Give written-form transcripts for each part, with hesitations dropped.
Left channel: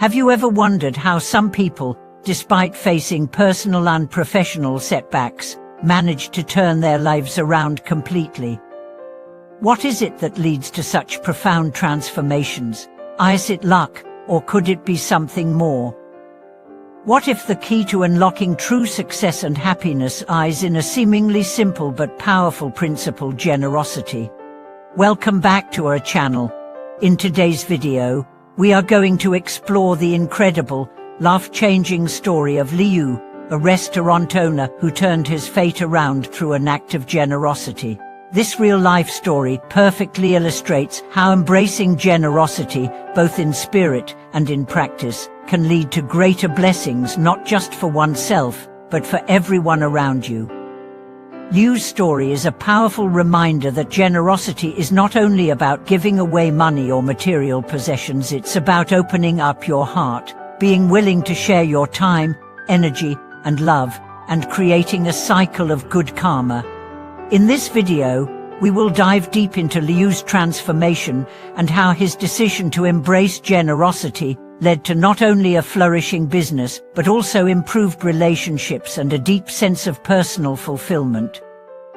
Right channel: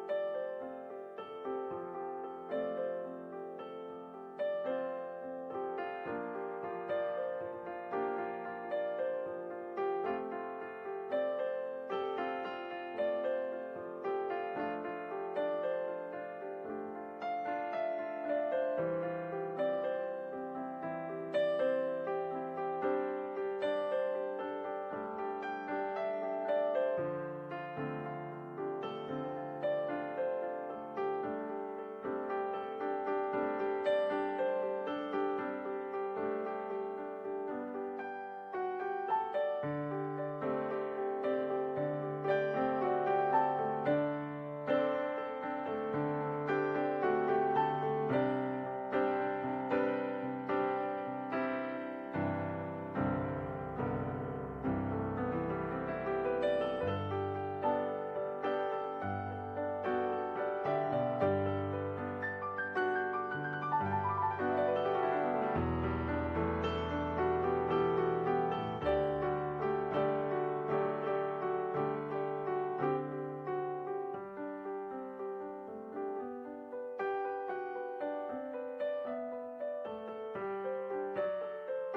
Have you ever wondered how some people, despite facing personal and professional setbacks, manage to turn their lives around completely? What is it that leads to such profound transformations? Is it luck, or could it be something more? What if the key to unlocking true success and happiness lies in a seemingly simple but powerful principle: generosity? Welcome back to our channel. In today's video, we are going to explore the incredible, life-changing story of Liu, a restaurant owner who turned his fate around through an act of generosity. This real-life story perfectly illustrates how embracing generosity, both in spirit and in practice, can lead to greater blessings not just for oneself, but for everyone around you. Liu's story is a powerful reminder that generosity is not only about giving away money or material possessions, it's about opening up your heart, being willing to share your time, energy, and love, and creating a cycle of good karma. In this video, we will dive deep into Liu's transformation and how his decision to embrace generosity led to not only a flourishing business, but also improved relationships and a deep sense of personal fulfillment.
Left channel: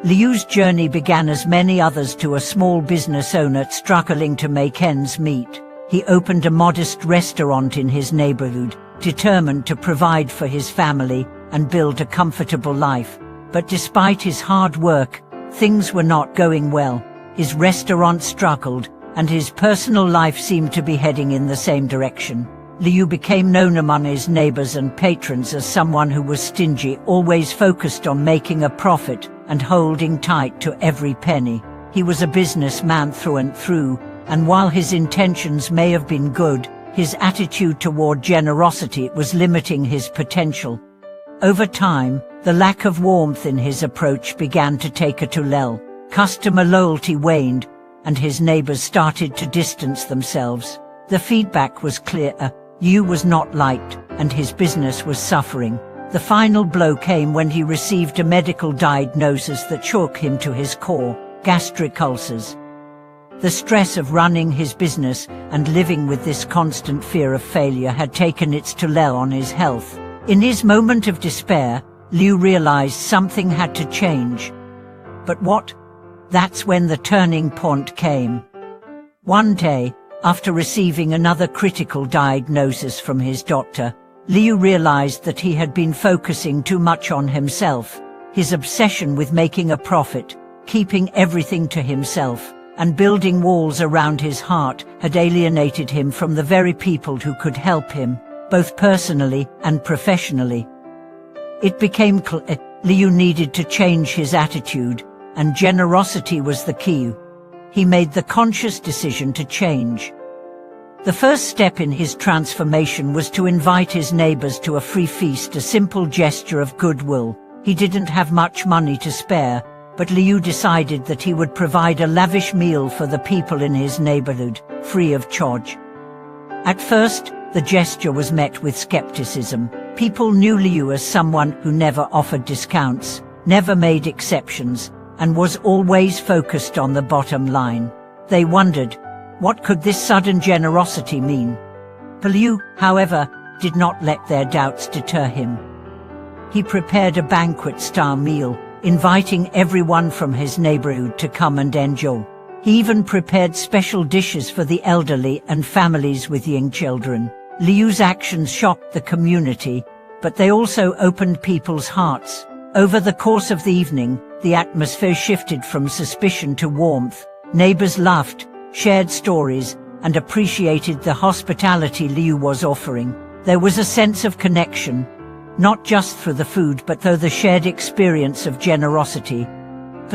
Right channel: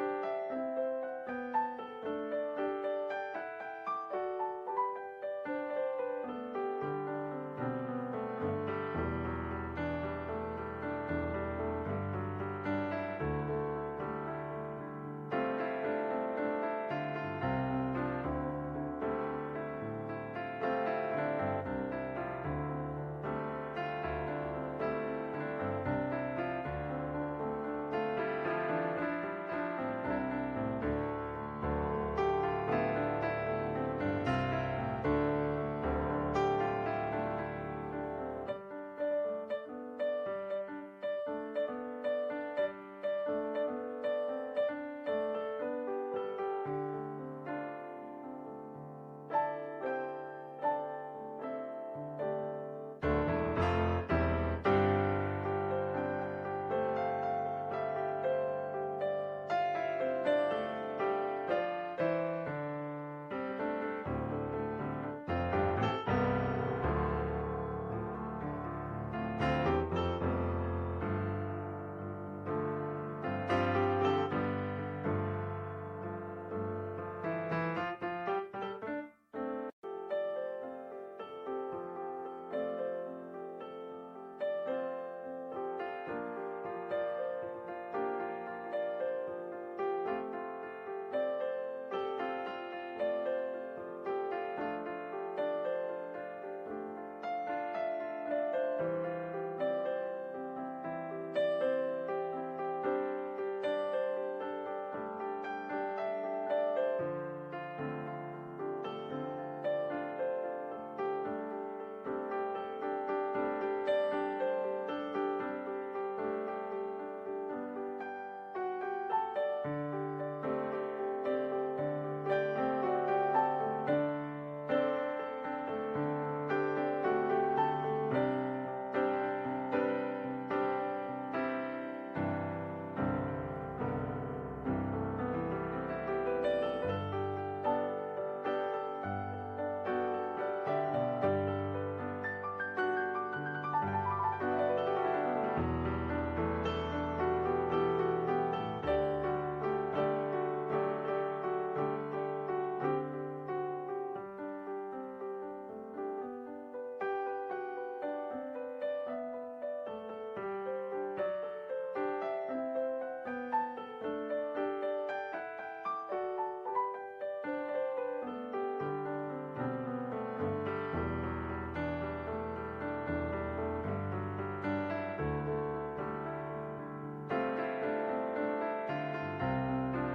Liu's journey began as many others to a small business owner struggling to make ends meet. He opened a modest restaurant in his neighborhood, determined to provide for his family and build a comfortable life. But despite his hard work, things were not going well. His restaurant struggled, and his personal life seemed to be heading in the same direction. Liu became known among his neighbors and patrons as someone who was stingy, always focused on making a profit and holding tight to every penny. He was a businessman through and through, and while his intentions may have been good, his attitude toward generosity was limiting his potential. Over time, the lack of warmth in his approach began to take a toll. Customer loyalty waned, and his neighbors started to distance themselves. The feedback was clear: Liu was not liked, and his business was suffering. The final blow came when he received a medical diagnosis that shook him to his core: gastric ulcers. The stress of running his business and living with this constant fear of failure had taken its toll on his health. In his moment of despair, Liu realized something had to change. But what? That's when the turning point came. One day, after receiving another critical diagnosis from his doctor, Liu realized that he had been focusing too much on himself. His obsession with making a profit, keeping everything to himself, and building walls around his heart had alienated him from the very people who could help him, both personally and professionally. It became clear Liu needed to change his attitude, and generosity was the key. He made the conscious decision to change. The first step in his transformation was to invite his neighbors to a free feast, a simple gesture of goodwill. He didn't have much money to spare, but Liu decided that he would provide a lavish meal for the people in his neighborhood, free of charge. At first, the gesture was met with skepticism. People knew Liu as someone who never offered discounts, never made exceptions, and was always focused on the bottom line. They wondered, what could this sudden generosity mean? Liu, however, did not let their doubts deter him. He prepared a banquet-style meal, inviting everyone from his neighborhood to come and enjoy. He even prepared special dishes for the elderly and families with young children. Liu's actions shocked the community, but they also opened people's hearts. Over the course of the evening, the atmosphere shifted from suspicion to warmth. Neighbors laughed, shared stories, and appreciated the hospitality Liu was offering. There was a sense of connection, not just through the food but through the shared experience of generosity.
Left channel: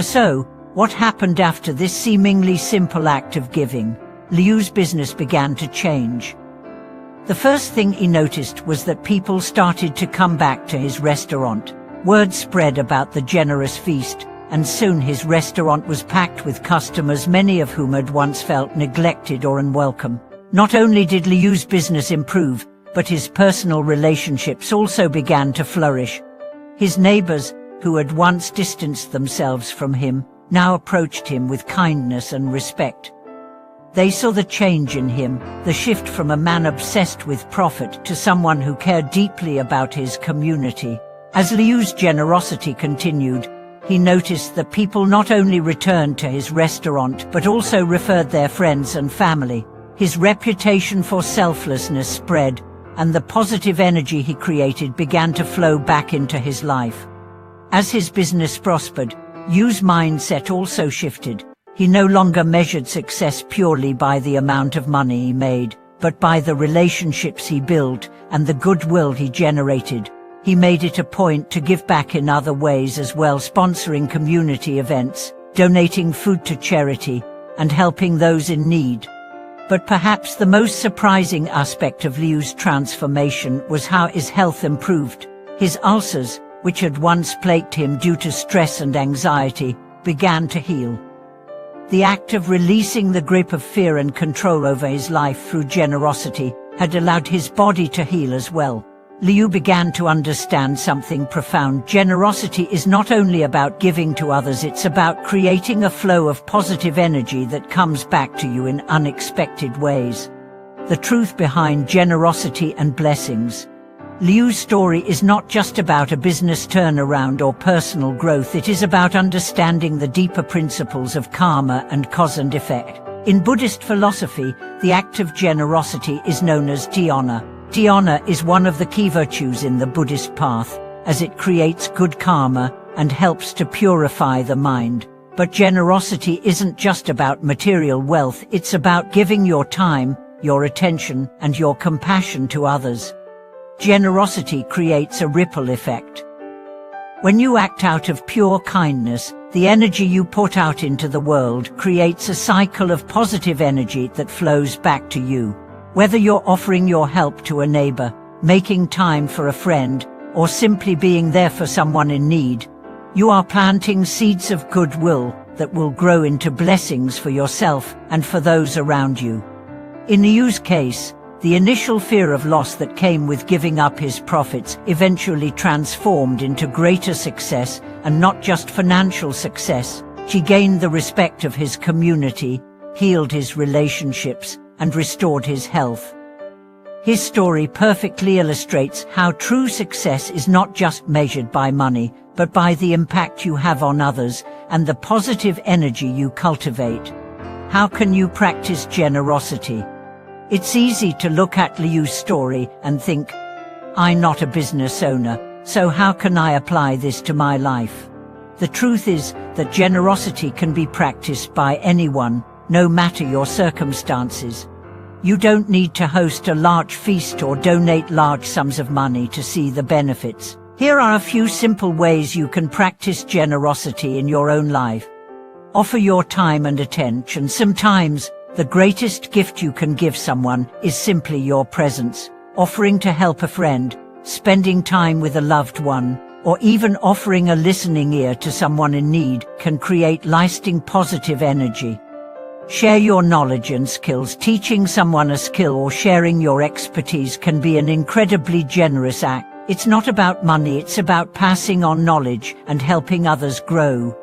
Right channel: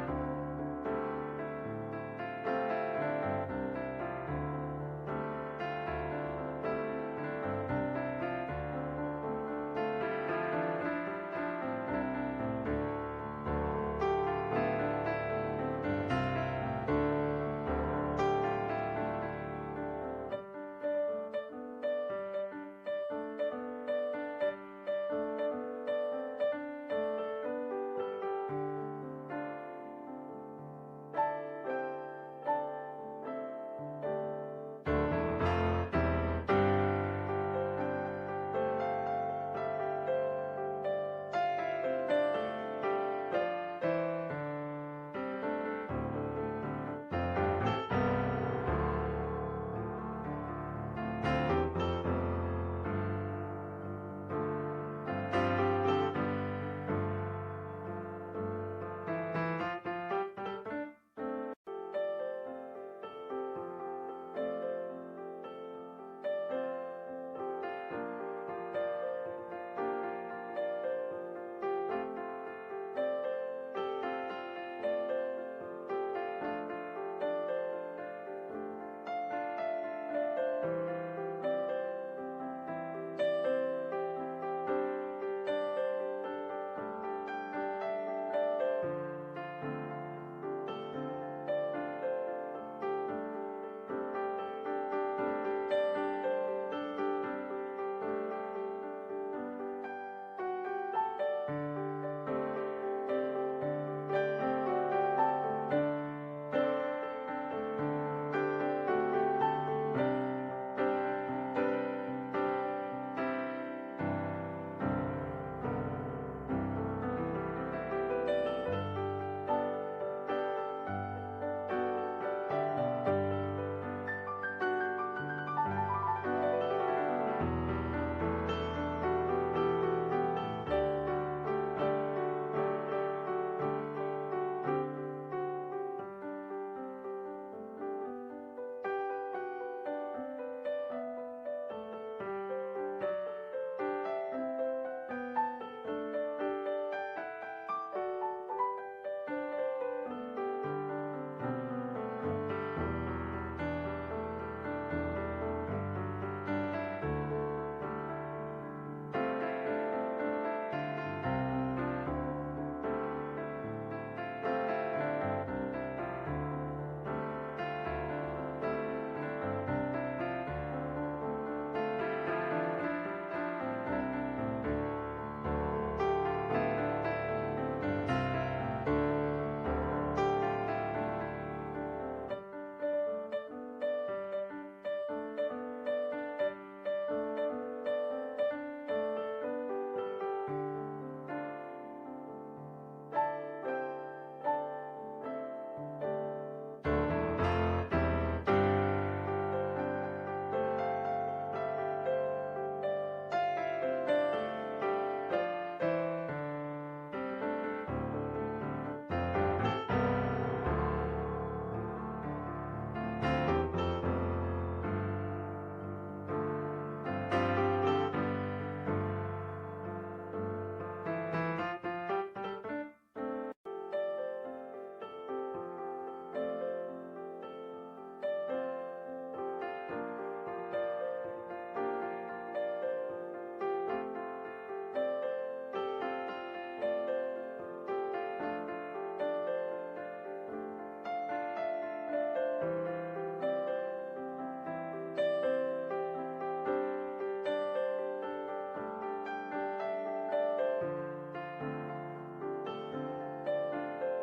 So, what happened after this seemingly simple act of giving? Liu's business began to change. The first thing he noticed was that people started to come back to his restaurant. Word spread about the generous feast, and soon his restaurant was packed with customers, many of whom had once felt neglected or unwelcome. Not only did Liu's business improve, but his personal relationships also began to flourish. His neighbors, who had once distanced themselves from him, now approached him with kindness and respect. They saw the change in him, the shift from a man obsessed with profit to someone who cared deeply about his community. As Liu's generosity continued, he noticed that people not only returned to his restaurant but also referred their friends and family. His reputation for selflessness spread, and the positive energy he created began to flow back into his life. As his business prospered, Liu's mindset also shifted. He no longer measured success purely by the amount of money he made, but by the relationships he built and the goodwill he generated. He made it a point to give back in other ways as well, sponsoring community events, donating food to charity, and helping those in need. But perhaps the most surprising aspect of Liu's transformation was how his health improved. His ulcers, which had once plagued him due to stress and anxiety, began to heal. The act of releasing the grip of fear and control over his life through generosity had allowed his body to heal as well. Liu began to understand something profound. Generosity is not only about giving to others, it's about creating a flow of positive energy that comes back to you in unexpected ways. The truth behind generosity and blessings. Liu's story is not just about a business turnaround or personal growth, it is about understanding the deeper principles of karma and cause and effect. In Buddhist philosophy, the act of generosity is known as dhyana. Dhyana is one of the key virtues in the Buddhist path, as it creates good karma and helps to purify the mind. But generosity isn't just about material wealth, it's about giving your time, your attention, and your compassion to others. Generosity creates a ripple effect. When you act out of pure kindness, the energy you put out into the world creates a cycle of positive energy that flows back to you. Whether you're offering your help to a neighbor, making time for a friend, or simply being there for someone in need, you are planting seeds of goodwill that will grow into blessings for yourself and for those around you. In Liu's case, the initial fear of loss that came with giving up his profits eventually transformed into greater success, and not just financial success. He gained the respect of his community, healed his relationships, and restored his health. His story perfectly illustrates how true success is not just measured by money, but by the impact you have on others and the positive energy you cultivate. How can you practice generosity? It's easy to look at Liu's story and think, I'm not a business owner, so how can I apply this to my life? The truth is that generosity can be practiced by anyone, no matter your circumstances. You don't need to host a large feast or donate large sums of money to see the benefits. Here are a few simple ways you can practice generosity in your own life. Offer your time and attention. Sometimes, the greatest gift you can give someone is simply your presence. Offering to help a friend, spending time with a loved one, or even offering a listening ear to someone in need can create lasting positive energy. Share your knowledge and skills. Teaching someone a skill or sharing your expertise can be an incredibly generous act. It's not about money, it's about passing on knowledge and helping others grow.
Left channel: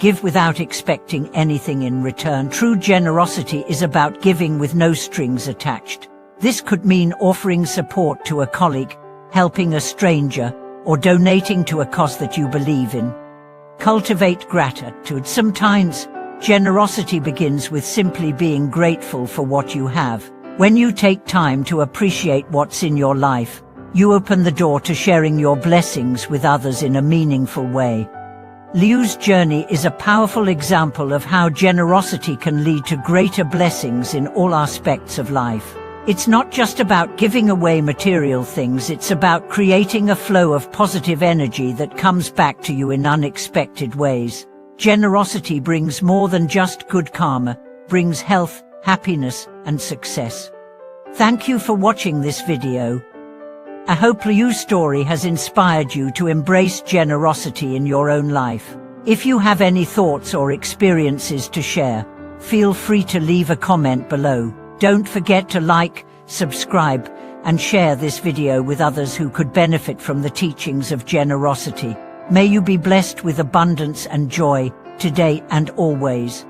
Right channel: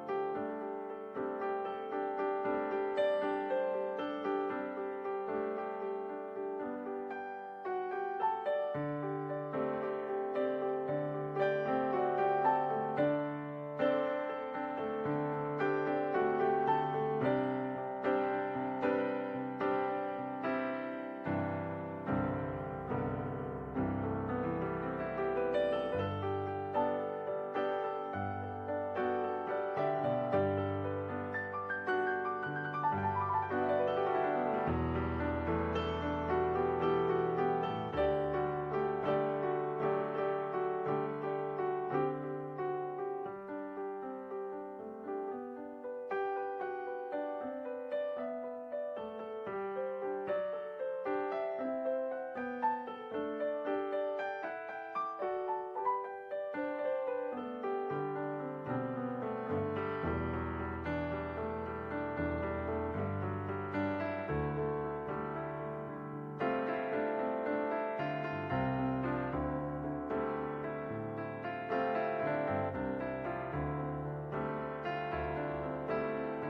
Give without expecting anything in return. True generosity is about giving with no strings attached. This could mean offering support to a colleague, helping a stranger, or donating to a cause that you believe in. Cultivate gratitude. Sometimes, generosity begins with simply being grateful for what you have. When you take time to appreciate what's in your life, you open the door to sharing your blessings with others in a meaningful way. Liu's journey is a powerful example of how generosity can lead to greater blessings in all aspects of life. It's not just about giving away material things, it's about creating a flow of positive energy that comes back to you in unexpected ways. Generosity brings more than just good karma, brings health, happiness, and success. Thank you for watching this video. I hope Liu's story has inspired you to embrace generosity in your own life. If you have any thoughts or experiences to share, feel free to leave a comment below. Don't forget to like, subscribe, and share this video with others who could benefit from the teachings of generosity. May you be blessed with abundance and joy, today and always.